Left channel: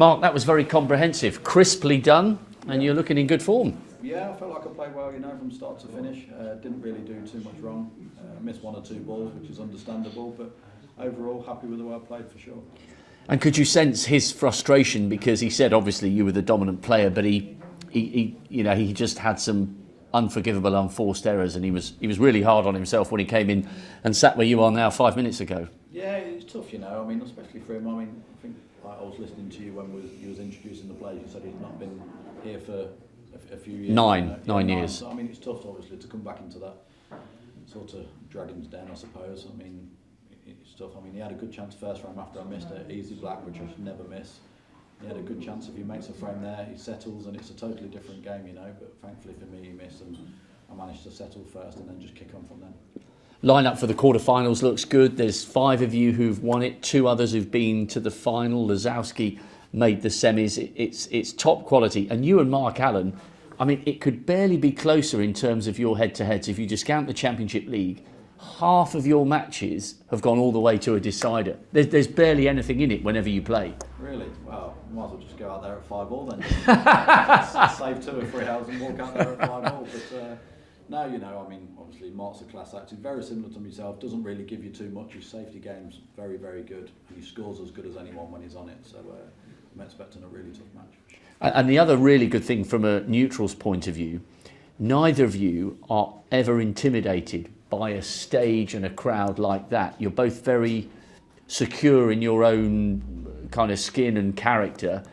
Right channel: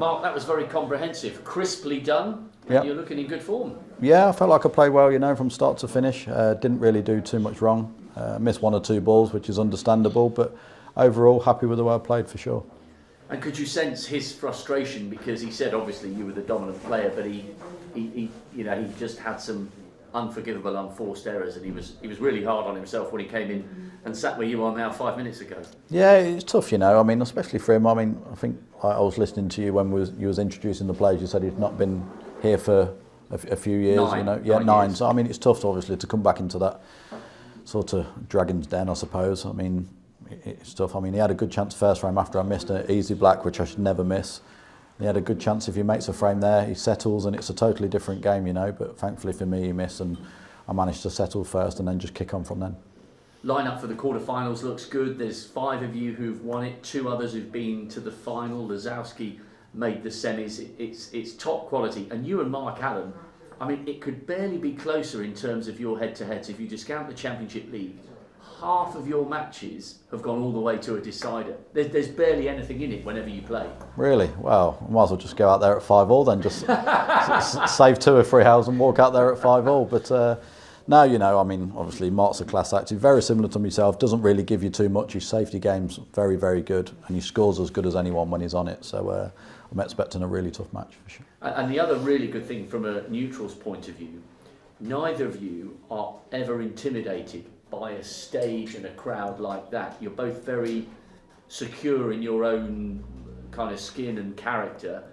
Mark, that was very comprehensive, crisply done, and you're looking in good form. Yeah, I felt like I played well, from start to finish. Didn't really do too much wrong. Missed 1 or 2 balls, which is understandable, but overall happy with the way I played for sure. And could you sense his frustration, because he said obviously you were the dominant player, but he just had some unforgivable, unforced errors, and he was really hard on himself when he came in and sat where you are now 5 minutes ago. Yeah, it's tough, I mean, especially for him. I mean, I think I was listening to you when you was introducing the players. You said he'd not been here for a few years. 9. Yeah, 9 9. years. So I mean, it's tough, obviously, to come back into that sort of dragon's den, I suppose. I mean, it's tough. I mean, he had a good chance first frame after I missed an easy black, which I should never miss. He had a good chance if he makes a frame there, he settles, and it's a totally different game, But thankfully for me, he missed, and I managed to settle first and then just kick on from then. Lineup for the quarterfinals looks good. There's 5 of you who've won it, 2 others who've been to the final. Lazowski made the semis. It's top quality. And you and Mark Allen, I mean, it could barely be closer in terms of your head-to-heads. If you discount the Championship League, half of your matches have gone all the way to a decider. There's barely anything in it whenever you play. Really? Well, I might as well just go out there at 5-all then, just save 2 or 3 hours and walk out there at 5-all. But no, I mean, obviously Mark's a class act. He's very similar to myself, doesn't really give you too much. His safety game's very, very good, and he scores as good as anyone when he's on it. So I'm expecting a really tough match for sure. And the other really good thing from a neutral's point of view, neither of you are ever intimidated by a stage and a crowd like that. You're both very secure in your own kind of skin and character,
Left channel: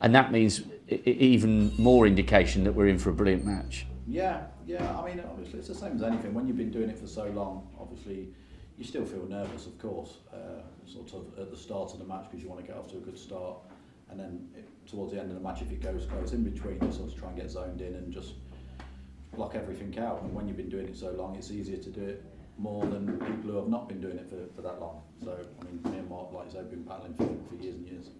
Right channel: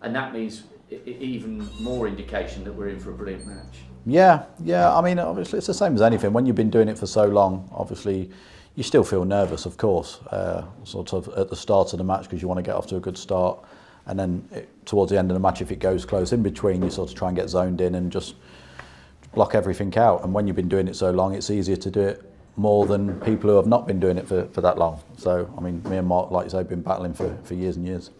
and that means even more indication that we're in for a brilliant match. Yeah. I mean, obviously it's the same as anything. When you've been doing it for so long, obviously you still feel nervous, of course, sort of at the start of the match, because you want to get off to a good start, and then towards the end of the match, if it goes close, in between you sort of try and get zoned in and just block everything out. And when you've been doing it so long, it's easier to do it more than people who have not been doing it for that long. So, I mean, me and Mark, like you say, have been battling for years and years.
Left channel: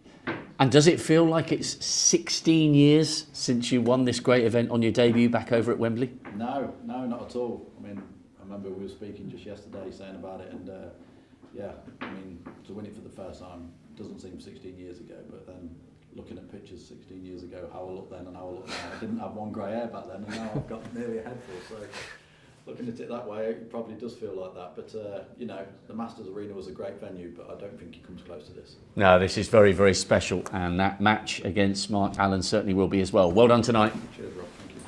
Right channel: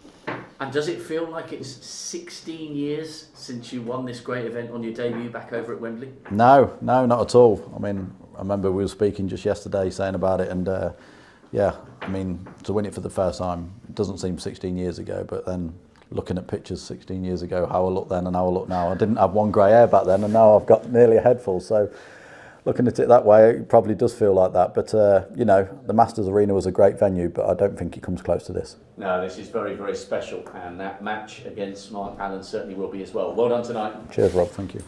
And does it feel like it's 16 years since you won this great event on your debut back over at Wembley? No, not at all. I mean, I remember we were speaking just yesterday saying about it, and I mean, to win it for the first time, it doesn't seem 16 years ago, but then looking at pictures 16 years ago, how I look then and how I look now. I didn't have 1 grey hair back then, and now I've got nearly a head full. So looking at it that way, it probably does feel like that. But, the Masters Arena was a great venue, but I don't think it comes close to this. No, this is very, very special, and that match against Mark Allen certainly will be as well. Well done tonight. Cheers, Rob. Thank you.